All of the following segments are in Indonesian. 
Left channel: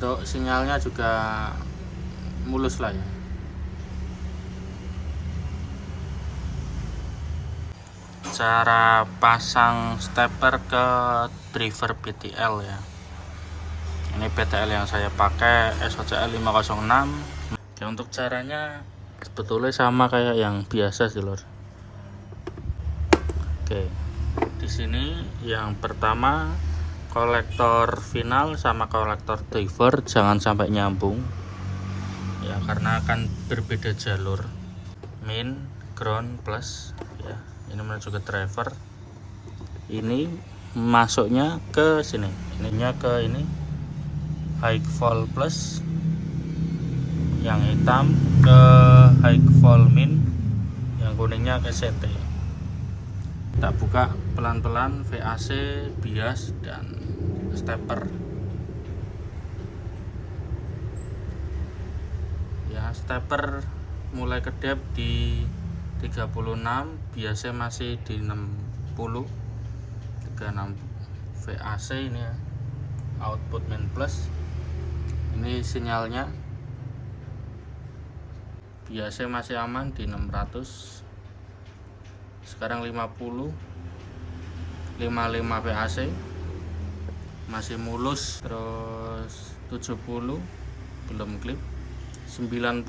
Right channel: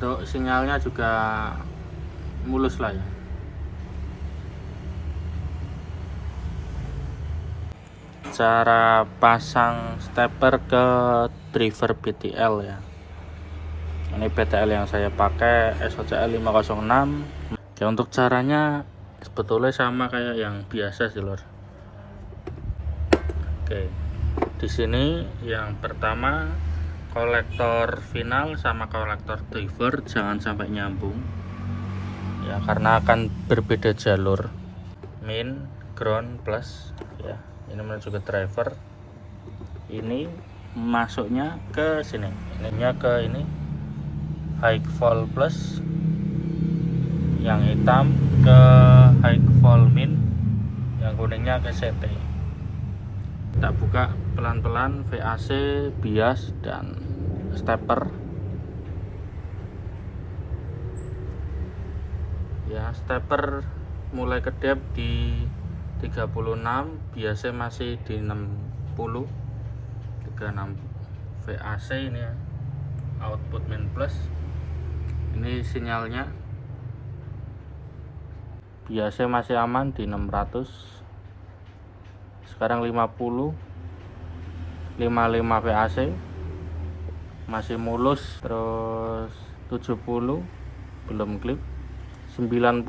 Untuk sinyalnya juga mulus lah ya. Cara pasang stepper ke driver BTL ya. Ini BTL yang saya pakai SOCL 506. Ya, untuk caranya sebetulnya sama kayak yang biasa sih lor. Oke, di sini yang pertama kolektor final sama kolektor driver jangan sampai nyambung ya, karena akan berbeda jalur. Min, ground, plus ya. Ini menuju ke driver. Ini masuknya ke sini. Ininya ke ini high vol plus. Yang hitam ke high vol min. Yang kuningnya ke CT. Kita buka pelan-pelan VAC, bias, dan stepper ya. Stepper mulai kedap di 36, biasanya masih di 60, 36 VAC ini ya, output min plus. Ini sinyalnya biasanya masih aman di 600. Sekarang 50, 55 VAC masih mulus. Terus 70 belum klip. 90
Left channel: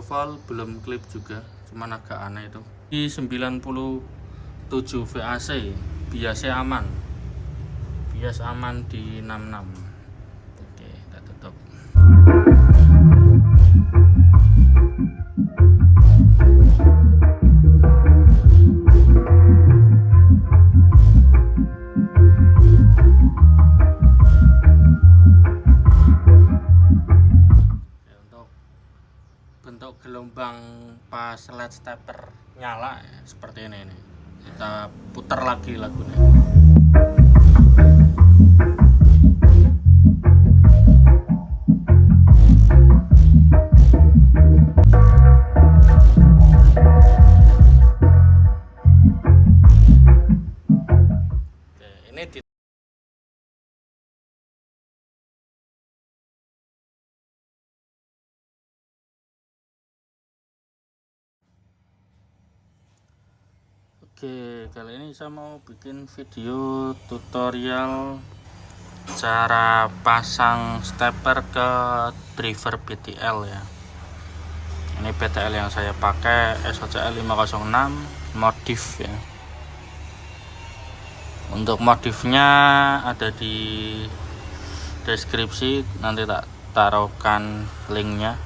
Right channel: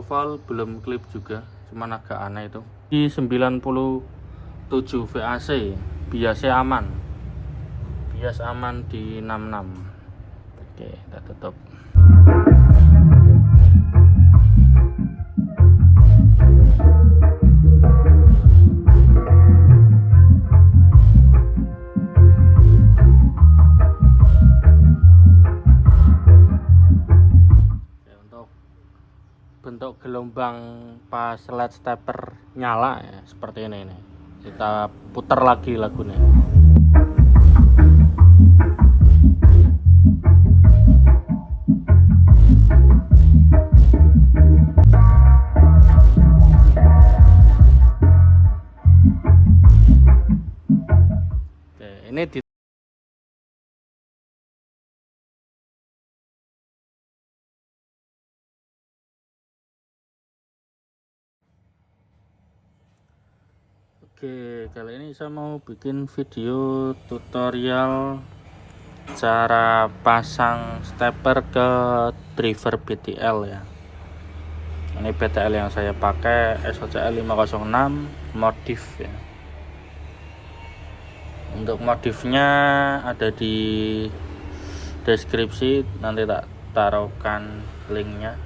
volt belum klip juga, cuman agak aneh itu. Di 97 VAC biasanya aman, bias aman di 66. Oke, kita tutup. Bentuk gelombang pas LED stepper nyala ya, seperti ini nih. Kita putar lagi lagunya. Oke, ini di Oke, kali ini saya mau bikin video tutorial cara pasang stepper ke driver BTL ya. Ini BTL yang saya pakai SOCL 506 modif ya. Untuk modifnya ada di deskripsi, nanti tak taruhkan linknya.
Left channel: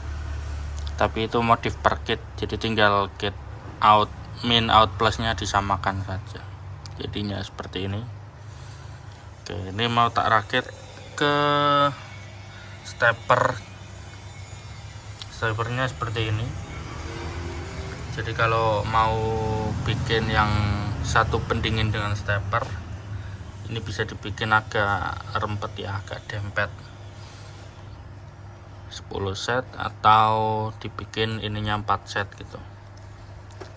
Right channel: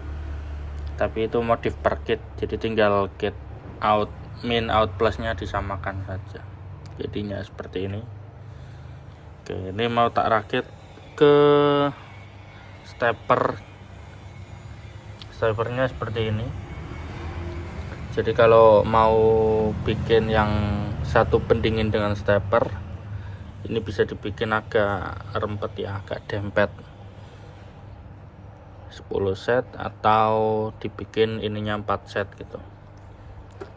Tapi itu modif per kit, jadi tinggal kit out min out plusnya disamakan saja, jadinya seperti ini. Oke, ini mau tak rakit ke steppernya seperti ini. Jadi kalau mau bikin yang satu pendingin dengan stepper, ini bisa dibikin agak rempet ya, agak dempet, 10 set atau dibikin ininya 4 set gitu.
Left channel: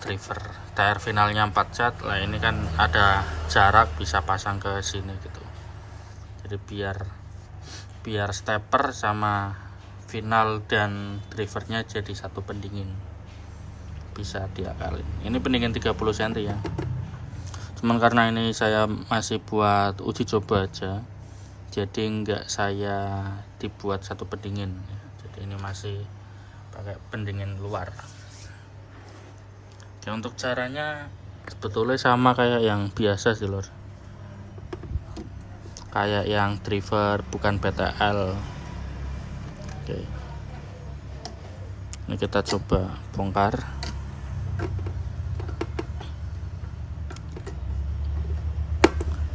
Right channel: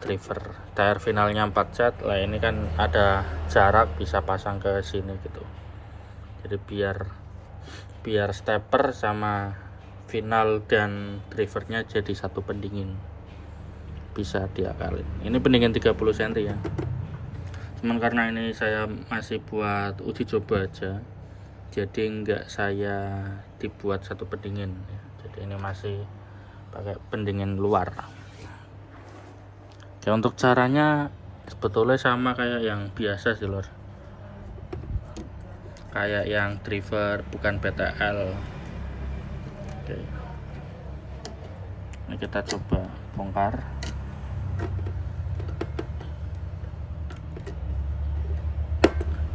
Driver tire finalnya 4 set lah, ini kan ada jarak bisa pasang ke sini gitu. Jadi biar stepper sama final dan drivernya jadi satu pendingin, bisa diakalin. Ini pendingin 30 cm ya, cuman karena ini saya masih buat uji coba aja, jadi enggak saya dibuat satu pendingin ya. Jadi ini masih pakai pendingin luar. Ya, untuk caranya sebetulnya sama kayak yang biasa sih lor, kayak yang driver bukan BTL. Oke, ini kita coba bongkar.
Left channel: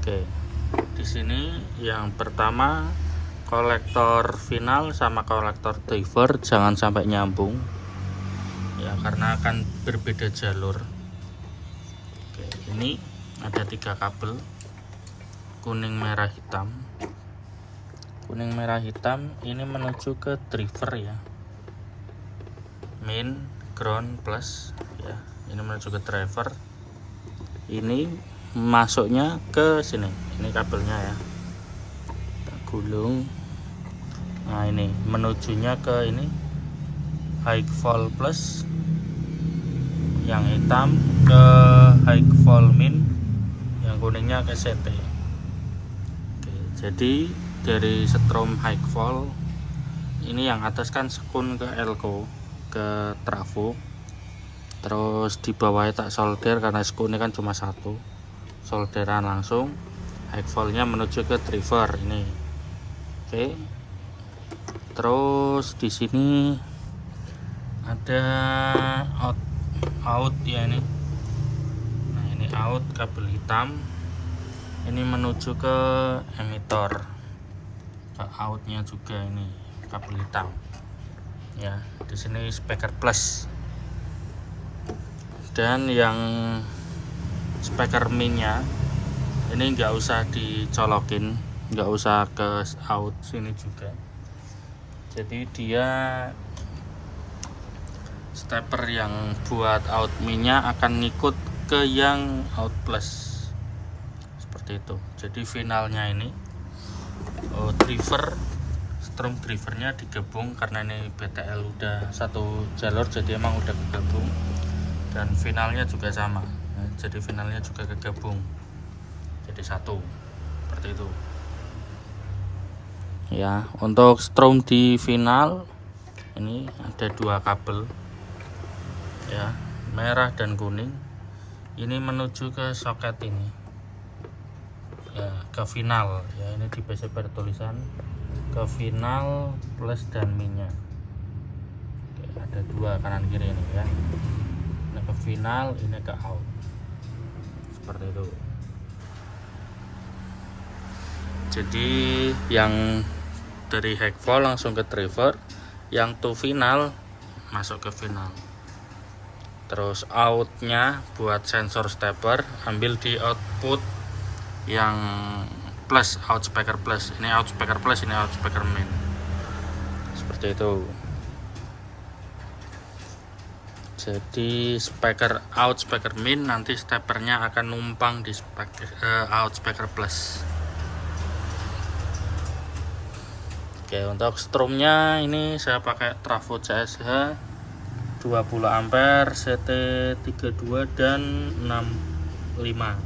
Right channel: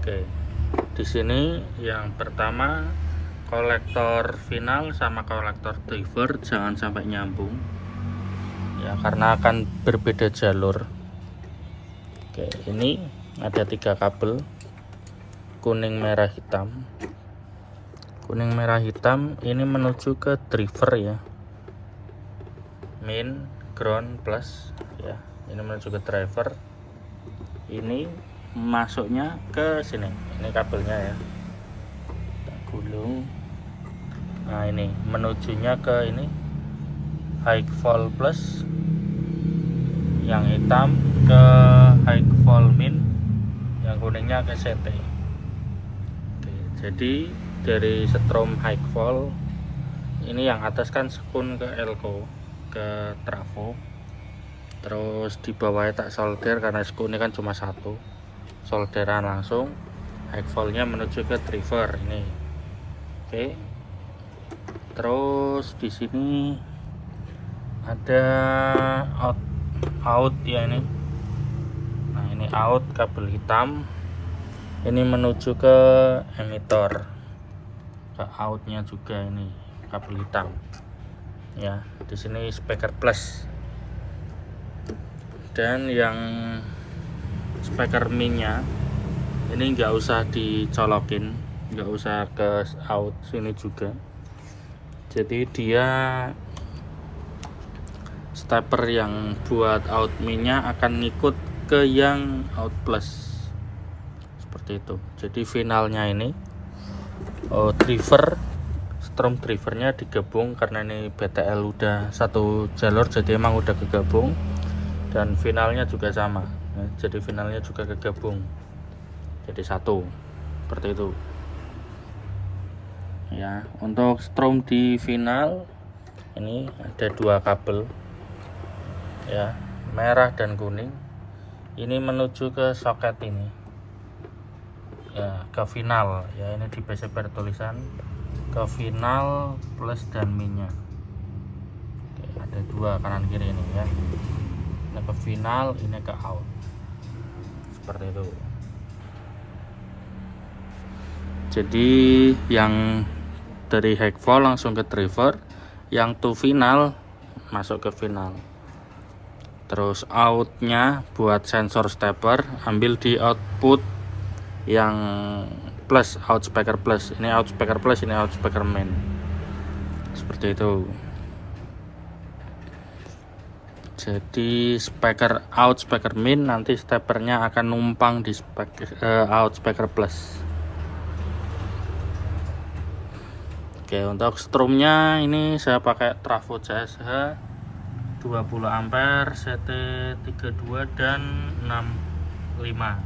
Oke, di sini yang pertama kolektor final sama kolektor driver jangan sampai nyambung ya, karena akan berbeda jalur. Oke, ini ada 3 kabel kuning merah hitam. Kuning merah hitam ini menuju ke driver ya, min, ground, plus ya. Ini menuju ke driver. Ini masuknya ke sini, ini kabelnya ya. Kita gulung. Nah ini menujunya ke ini high vol plus, yang hitam ke high vol min, yang kuningnya ke CT. Oke, jadi dari strom high vol ini yang atas kan sekun ke elko ke trafo, terus di bawahnya tak solder karena sekunnya kan cuma satu, solderan langsung. High voltnya menuju ke driver ini. Oke, terus di sini ada out ya ini. Nah ini out kabel hitam, ini menuju ke emitor, ke outnya juga ini kabel hitam ya. Di sini speaker plus, dan yang speaker minnya ini nggak usah dicolokin, nggak usah ke out sini juga. Jadi dia stepper yang buat out minnya akan ngikut ke yang out plus seperti itu. Jadi finalnya ini driver, strom drivernya digabung karena ini BTL udah satu jalur, jadi emang udah kegabung. Dan finalnya juga sama ya, jadi finalnya juga kegabung jadi satu, seperti itu ya. Untuk strom di final ini ada dua kabel ya, merah dan kuning. Ini menuju ke soket ini ya, ke final ya. Ini di PC bertulisan ke final plus dan minnya. Oke, ada dua kanan kiri ini ya. Ini ke final, ini ke out, seperti itu. Jadi yang dari high vol langsung ke driver, yang to final masuk ke final. Terus outnya buat sensor stepper ambil di output yang plus, out speaker plus. Ini out speaker plus, ini out speaker main, seperti itu. Jadi speaker out speaker min, nanti steppernya akan numpang di out speaker plus. Oke, untuk strumnya ini saya pakai trafo CSH 20 ampere, CT32 dan 65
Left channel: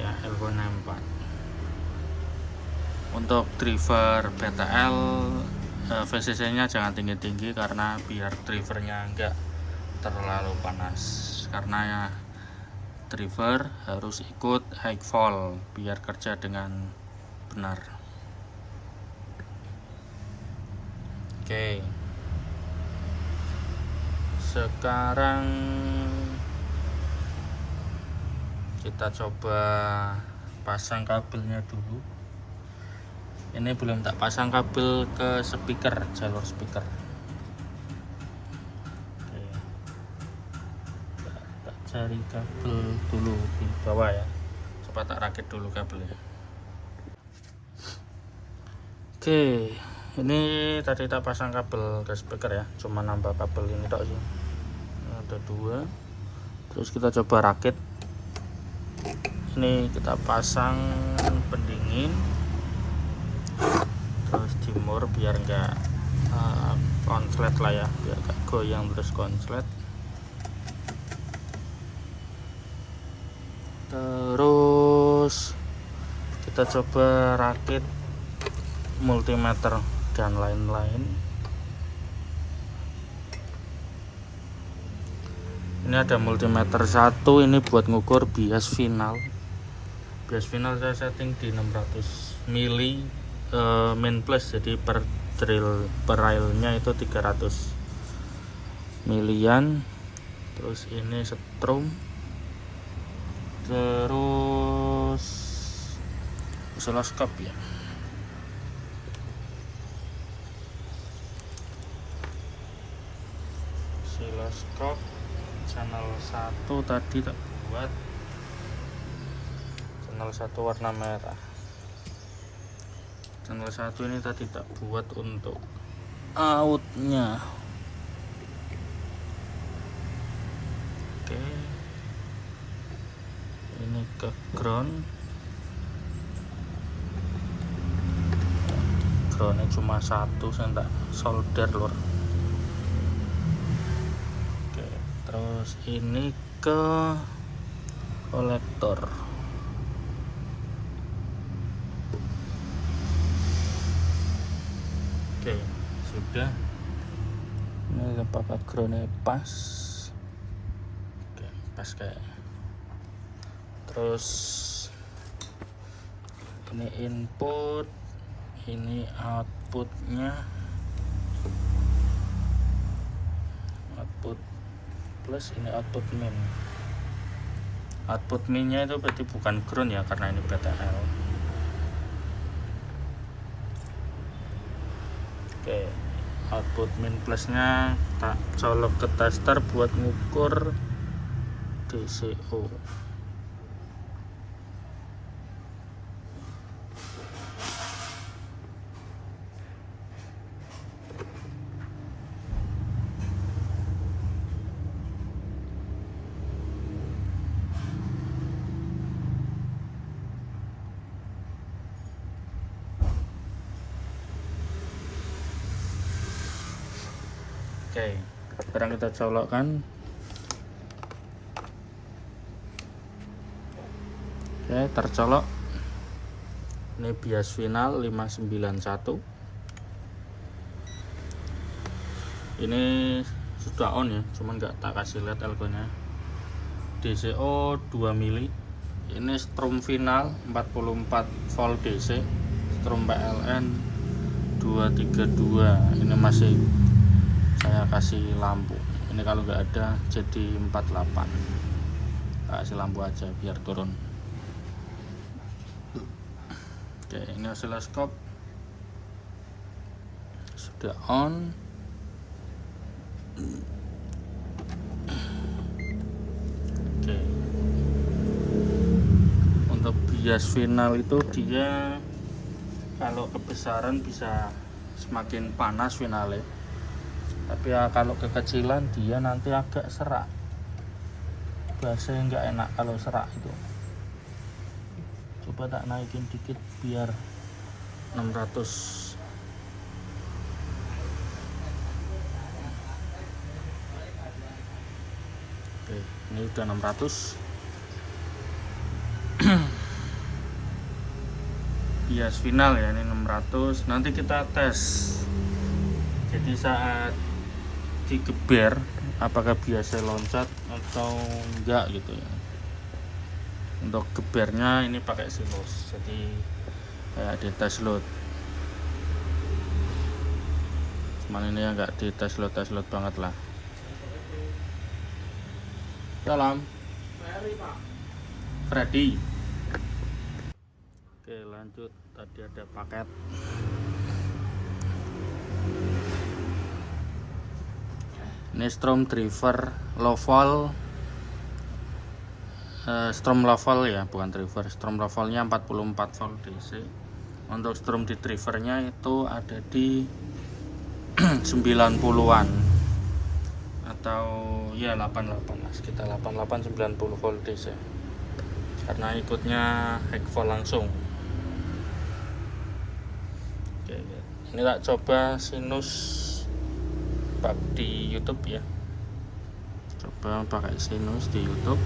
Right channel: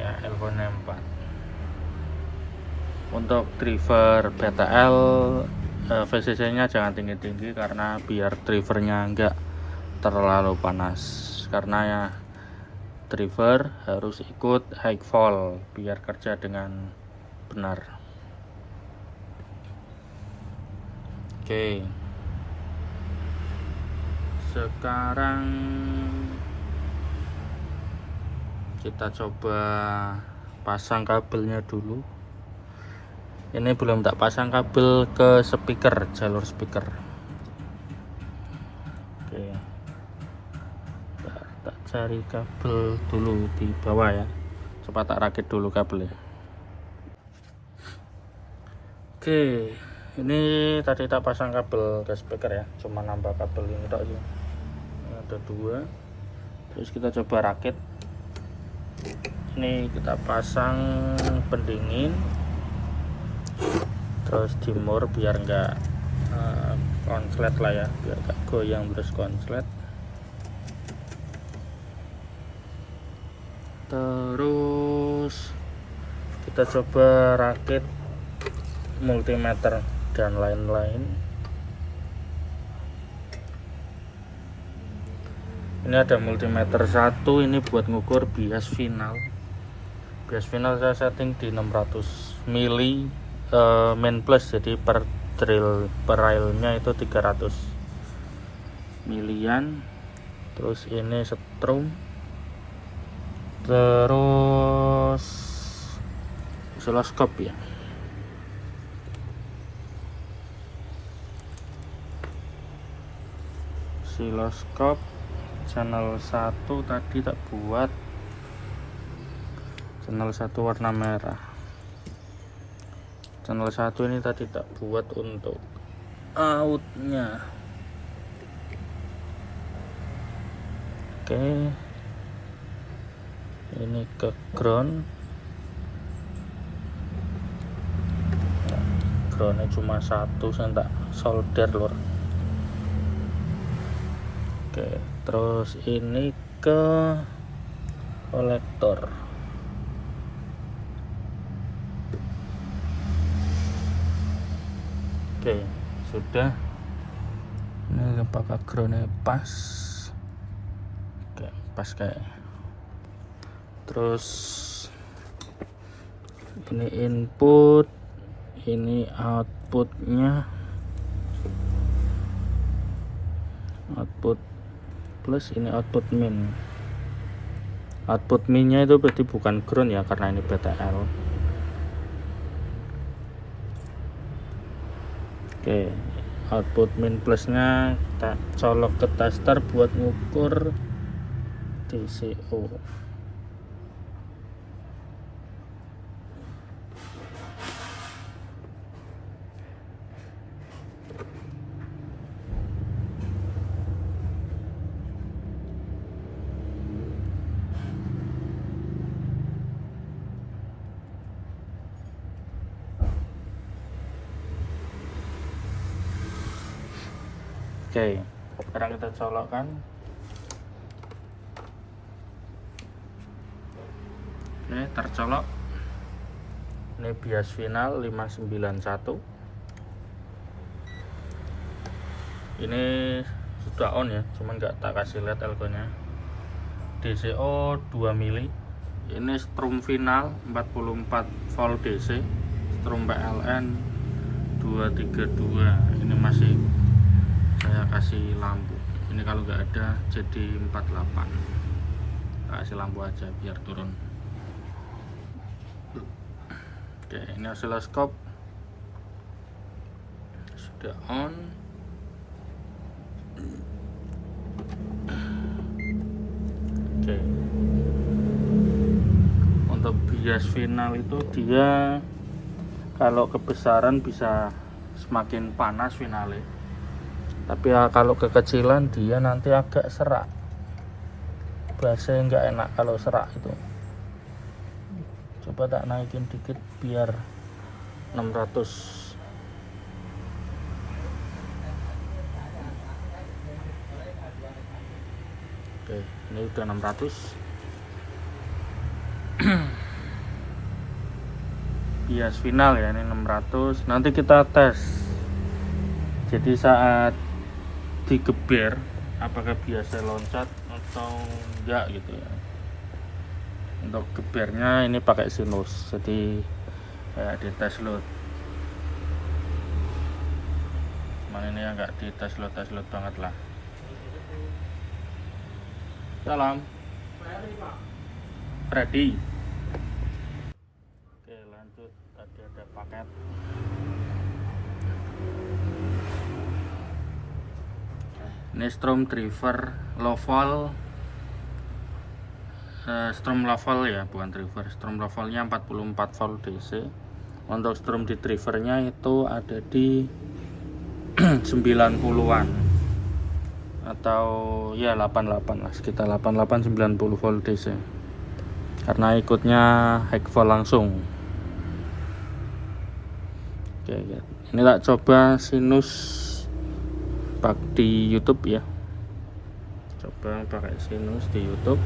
ya, L64. Untuk driver BTL VCC nya jangan tinggi-tinggi karena biar drivernya enggak terlalu panas, karena ya driver harus ikut high vol biar kerja dengan benar. Oke, sekarang kita coba pasang kabelnya dulu. Ini belum tak pasang kabel ke speaker, jalur speaker. Oke, tak cari kabel dulu di bawah ya, coba tak rakit dulu kabelnya. Oke, ini tadi tak pasang kabel ke speaker ya, cuma nambah kabel ini tok aja. Ada dua. Terus kita coba rakit. Ini kita pasang pendingin, terus dimur biar enggak konslet lah ya, biar enggak goyang terus konslet. Terus kita coba rakit multimeter dan lain-lain. Ini ada multimeter satu, ini buat ngukur bias final. Bias final saya setting di 600 mili main plus, jadi per drill per railnya itu 300 milian. Terus ini strom, terus oscilloscope ya. Oscilloscope channel 1 tadi tak buat, channel 1 warna merah. Channel 1 ini tadi tak buat untuk outnya. Oke, ini ke ground. groundnya cuma satu, saya tak solder lur. Oke, terus ini ke kolektor. Oke, sudah. Ini apakah groundnya pas? Oke, pas kayak. Terus ini input, ini outputnya, output plus, ini output min. Output minnya itu berarti bukan ground ya, karena ini BTL. Oke, output min plusnya kita colok ke tester buat ngukur DCO. Oke, sekarang kita colokkan. Oke, tercolok. Ini bias final 591. Ini sudah on ya, cuman nggak tak kasih lihat elko-nya. DCO 2 mili. Ini strum final 44 volt DC, strum PLN 232. Ini masih saya kasih lampu. Ini kalau nggak ada jadi 48. Kasih lampu aja biar turun. Oke, ini oscilloscope sudah on. Oke, untuk bias final itu dia kalau kebesaran bisa semakin panas finalnya, tapi ya kalau kekecilan dia nanti agak serak. Biasanya nggak enak kalau serak itu. Coba tak naikin dikit biar 600. Oke, ini udah 600. Bias final ya, ini 600. Nanti kita tes. Jadi saat digeber apakah biasa loncat atau enggak gitu ya. Untuk gebernya ini pakai sinus, jadi kayak di tes load. Cuman ini enggak di tes load banget lah. Salam Freddy. Oke, lanjut. Tadi ada paket. Ini strom driver low volt, strom low volt ya, bukan driver. Strom low voltnya 44 volt DC. Untuk strom di drivernya itu ada di 90-an atau ya 88 lah, sekitar 88-90 volt DC, karena ikutnya high volt langsung. Oke, ini tak coba sinus di YouTube ya, coba pakai sinus di YouTube.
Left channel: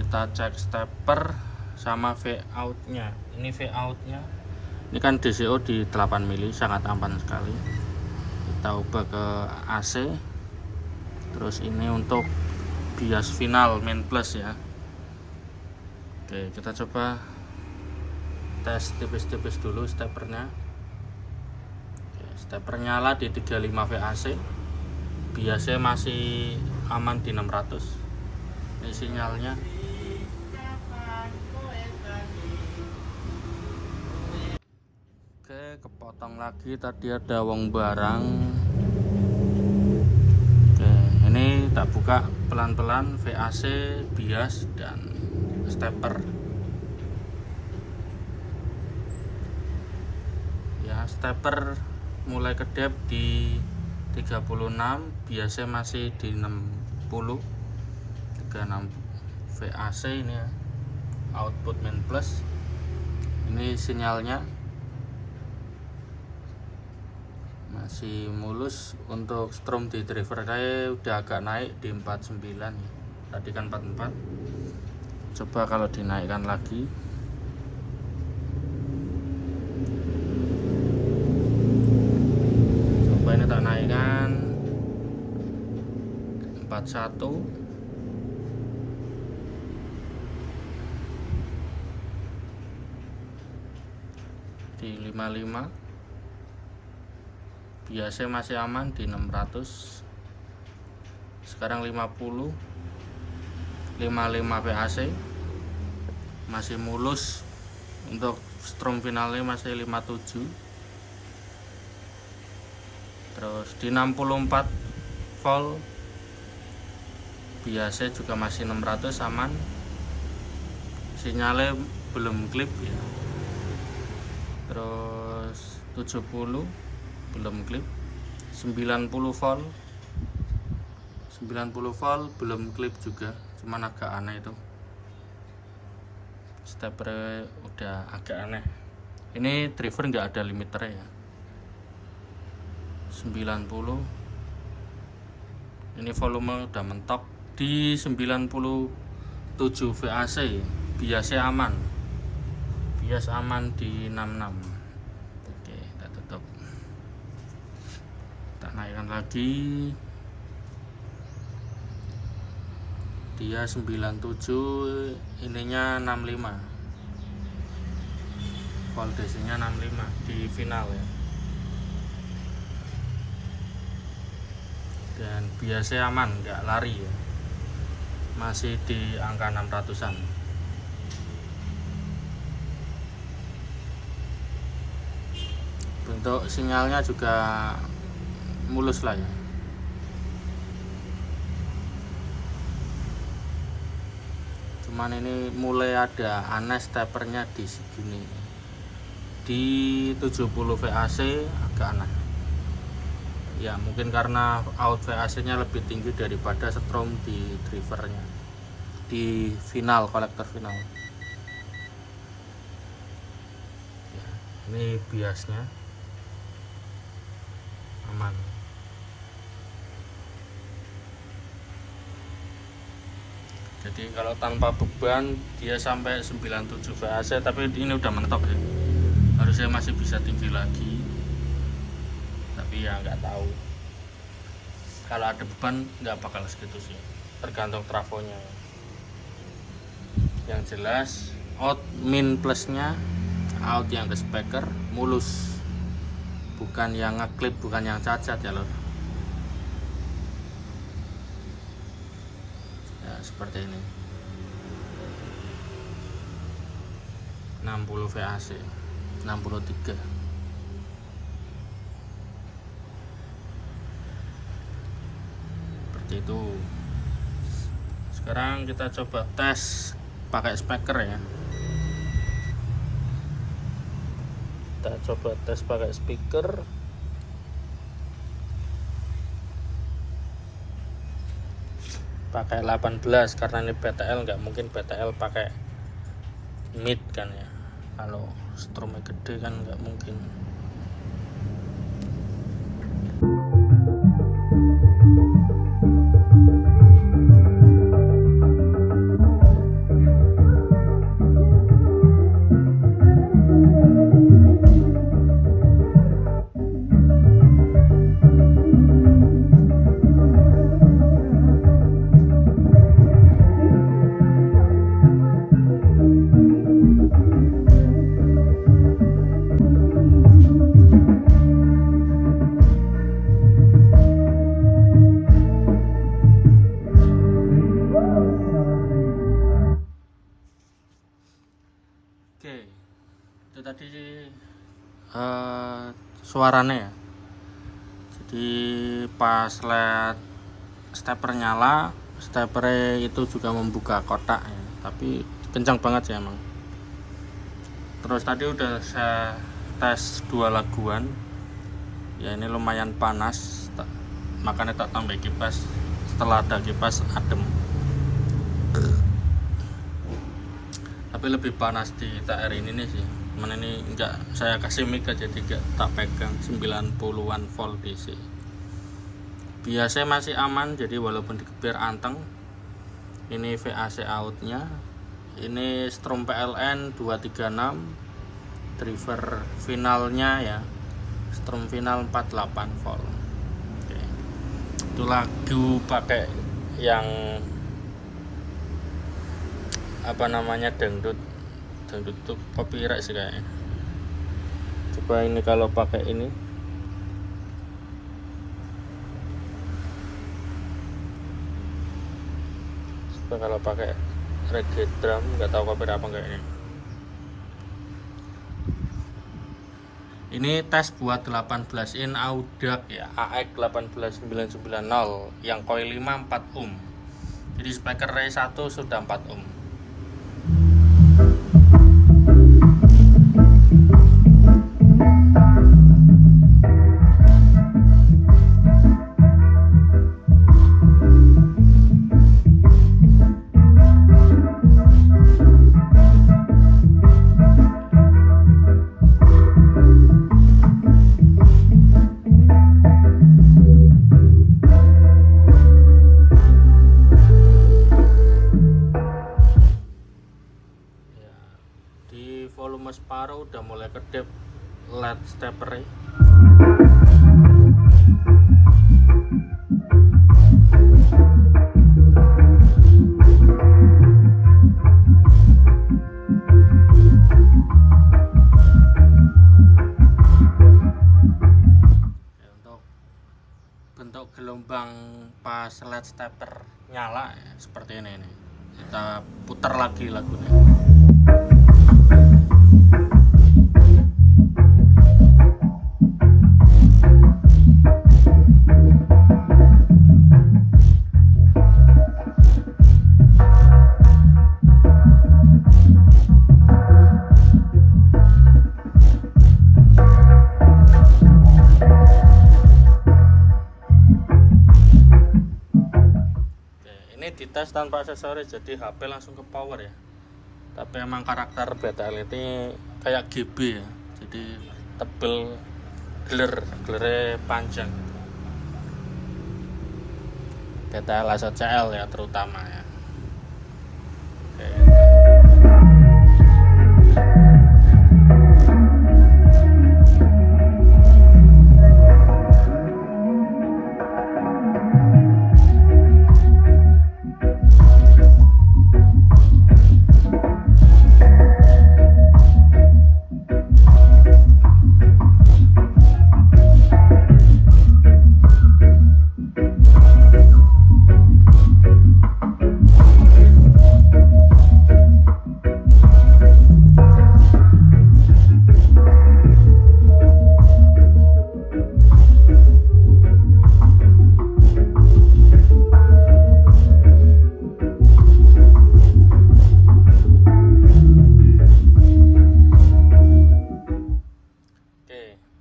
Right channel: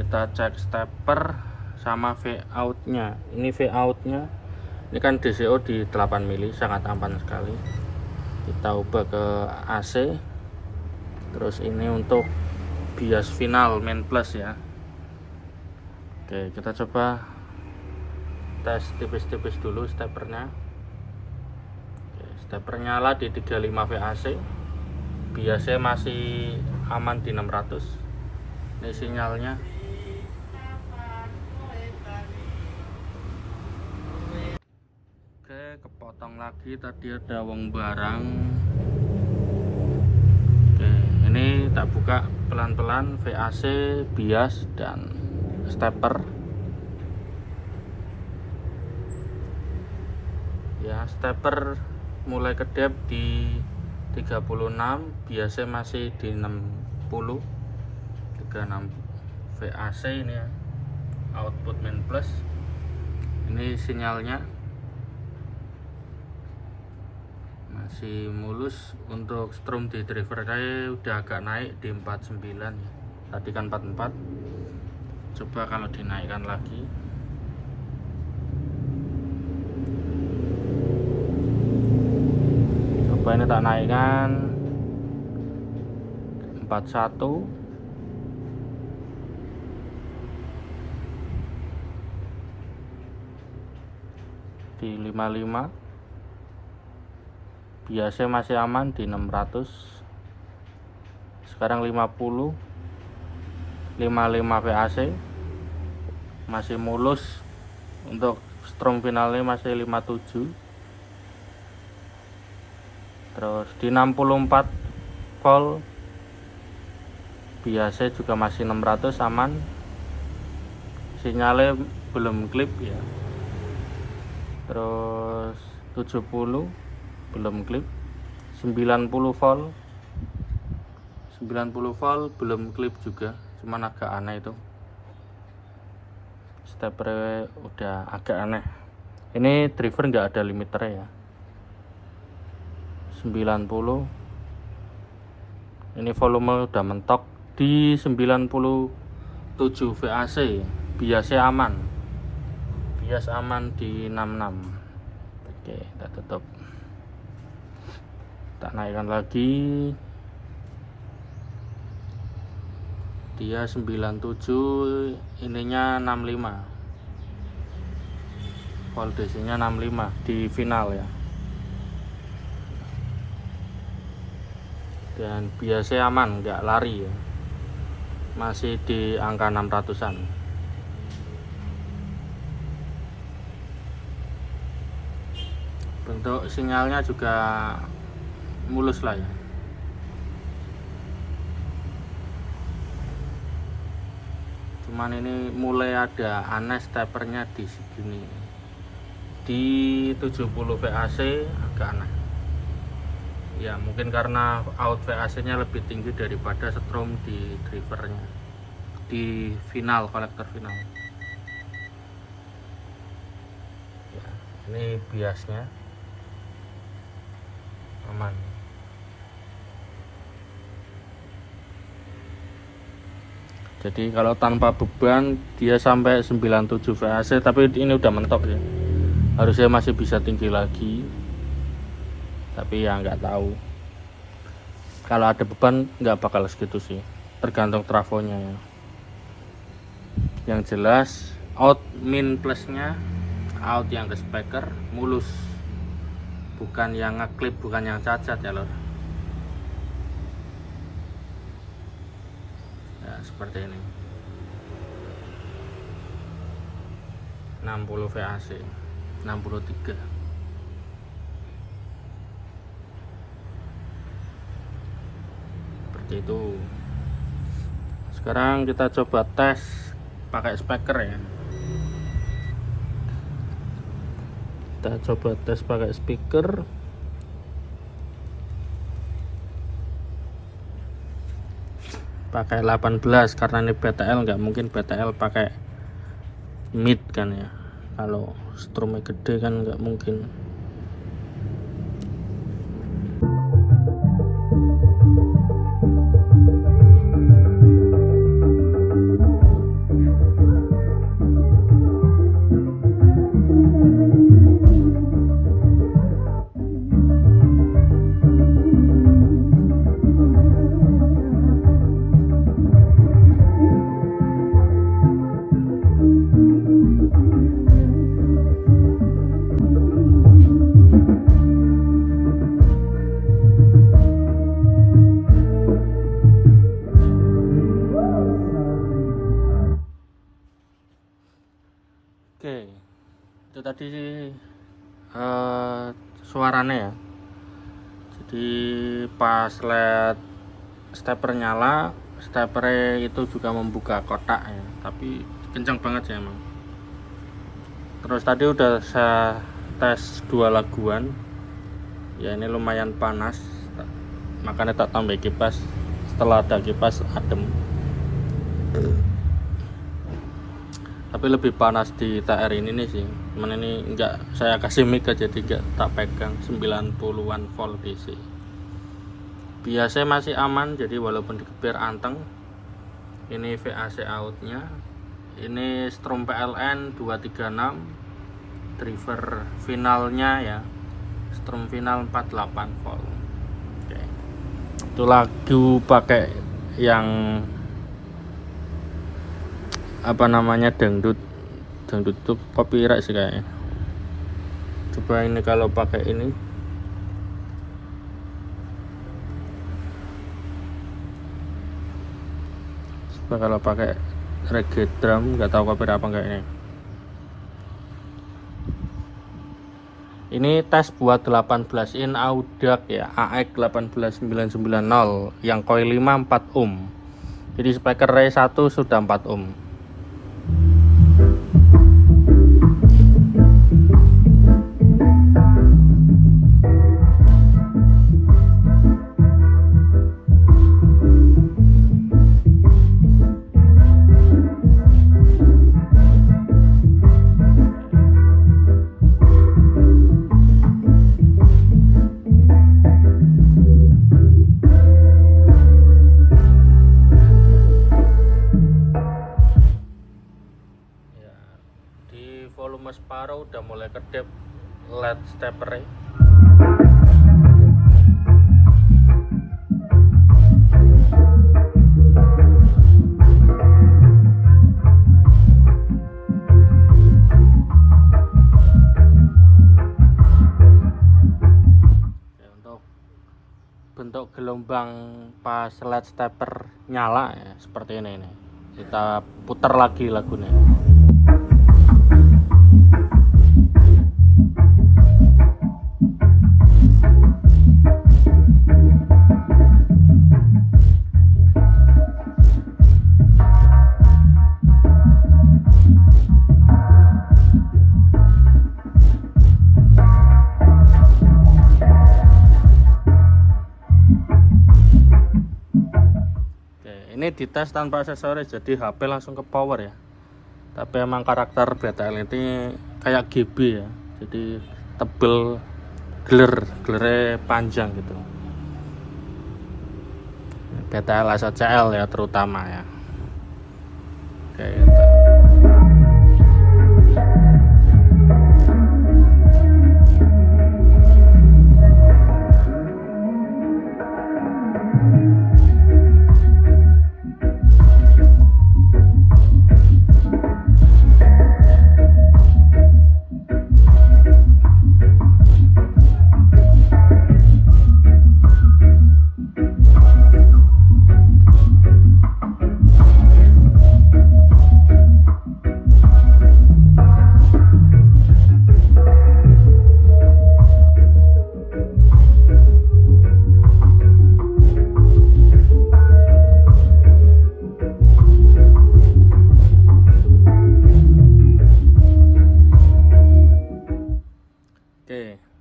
Kita cek stepper sama V out nya. Ini V out nya, ini kan DCO di 8 mili, sangat aman sekali. Kita ubah ke AC. Terus ini untuk bias final main plus ya. Oke, kita coba tes tipis-tipis dulu steppernya. Oke, stepper nyala di 35 VAC. Biasanya masih aman di 600. Ini sinyalnya. Oke, kepotong lagi, tadi ada wong barang. Oke, ini tak buka pelan-pelan VAC, bias, dan stepper. Ya, stepper mulai kedap di 36, biasanya masih di 60. 36 VAC ini ya, output main plus. Ini sinyalnya masih mulus. Untuk strom di driver saya udah agak naik di 49 ya. Tadi kan 44. Coba kalau dinaikkan lagi. Coba ini tak naikkan 41. Di 55. Biasa masih aman di 600. Sekarang 50. 55 VAC masih mulus. Untuk strom finalnya masih 57. Terus di 64 volt biasa juga masih 600 aman. Sinyalnya belum klip ya. Terus 70 belum klip. 90 volt belum klip juga, cuman agak aneh itu. Stepper udah agak aneh. Ini driver nggak ada limiter ya. 90. Ini volume udah mentok di 97 VAC. Biasa aman. Bias aman di 66. Oke, kita tutup. Tak naikkan lagi. Dia 97, ininya 65. Voltasenya 65 di final ya. Dan biasa aman, nggak lari ya. Masih di angka 600-an. Bentuk sinyalnya juga mulus lah ya. Cuman ini mulai ada aneh steppernya di segini. Di 70 VAC agak aneh. Ya mungkin karena out VAC nya lebih tinggi daripada strom di drivernya. Di final, kolektor final. Ya, ini biasnya aman. Jadi kalau tanpa beban dia sampai 97 VAC, tapi ini udah mentok ya. Harusnya masih bisa tinggi lagi. Tapi ya nggak tahu. Kalau ada beban nggak bakal segitu sih. Tergantung trafonya. Yang jelas out min plusnya, out yang ke speaker mulus. Bukan yang ngeklip, bukan yang cacat ya lor. Ya seperti ini. 60 VAC, 63. Seperti itu. Sekarang kita coba tes pakai speaker ya. Kita coba tes pakai speaker. Pakai 18 karena ini BTL, nggak mungkin BTL pakai mid kan ya. Kalau strumnya gede kan nggak mungkin. Oke, itu tadi suaranya ya. Jadi pas LED stepper nyala, stepper itu juga membuka kotak ya. Tapi kencang banget sih emang. Terus tadi udah saya tes 2 laguan. Ya ini lumayan panas, makanya tak tambah kipas. Setelah ada kipas adem. Tapi tapi lebih panas di TR ini nih sih. Cuman ini enggak saya kasih mic aja, jadi enggak tak pegang. 90-an volt DC. Biasanya masih aman, jadi walaupun dikepir anteng. Ini VAC outnya. Ini strom PLN 236, driver finalnya ya, strom final 48 volt. Oke. Itu lagu pakai yang apa namanya, dangdut tuh copyright sih kayaknya. Coba ini kalau pakai ini. Coba kalau pakai reggae drum, nggak tahu copyright apa enggak ini. Ini tes buat 18 in Audax ya, AX 18990 yang coil 5 4 ohm. Jadi speaker Ray 1 sudah 4 ohm. Volume separuh udah mulai kedip LED stepper. Untuk bentuk gelombang pas LED stepper nyala ya, seperti ini nih. Kita putar lagi lagunya. Ini dites tanpa aksesoris, jadi HP langsung ke power ya. Tapi emang karakter BTL ini kayak GB ya, jadi tebel, gelernya panjang gitu. BTL SCL ya terutama ya. Oke.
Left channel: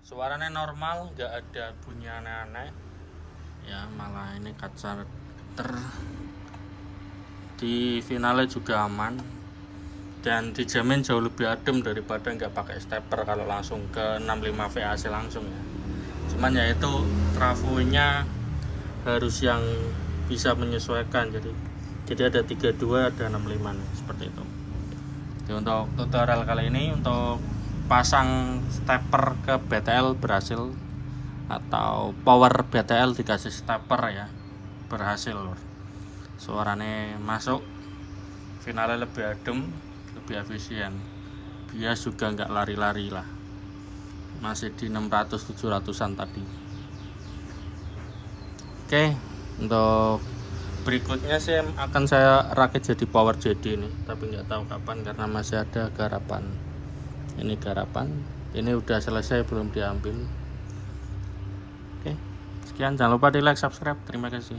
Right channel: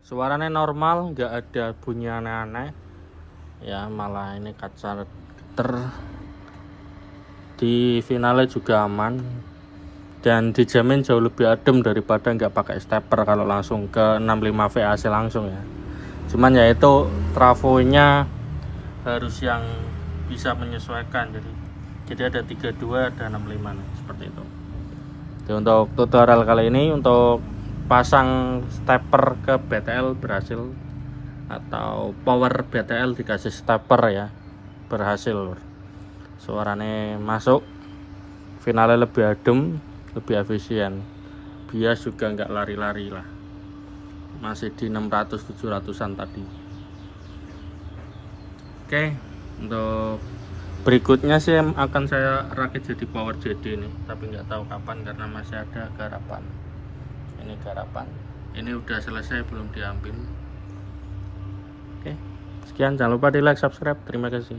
Suaranya normal, nggak ada bunyi aneh-aneh ya, malah ini kaca di finalnya juga aman dan dijamin jauh lebih adem daripada nggak pakai stepper kalau langsung ke 65 VAC langsung ya. Cuman ya itu trafonya harus yang bisa menyesuaikan, jadi ada 32 ada 65 nih, seperti itu. Jadi untuk tutorial kali ini untuk pasang stepper ke BTL berhasil, atau power BTL dikasih stepper ya, berhasil. Suaranya masuk, finalnya lebih adem, lebih efisien, bias juga nggak lari-lari lah, masih di 600-700an tadi. Oke, untuk berikutnya sih akan saya rakit jadi power JD ini, tapi nggak tahu kapan karena masih ada garapan. Ini garapan, ini udah selesai belum diambil. Oke, sekian, jangan lupa di like, subscribe, terima kasih.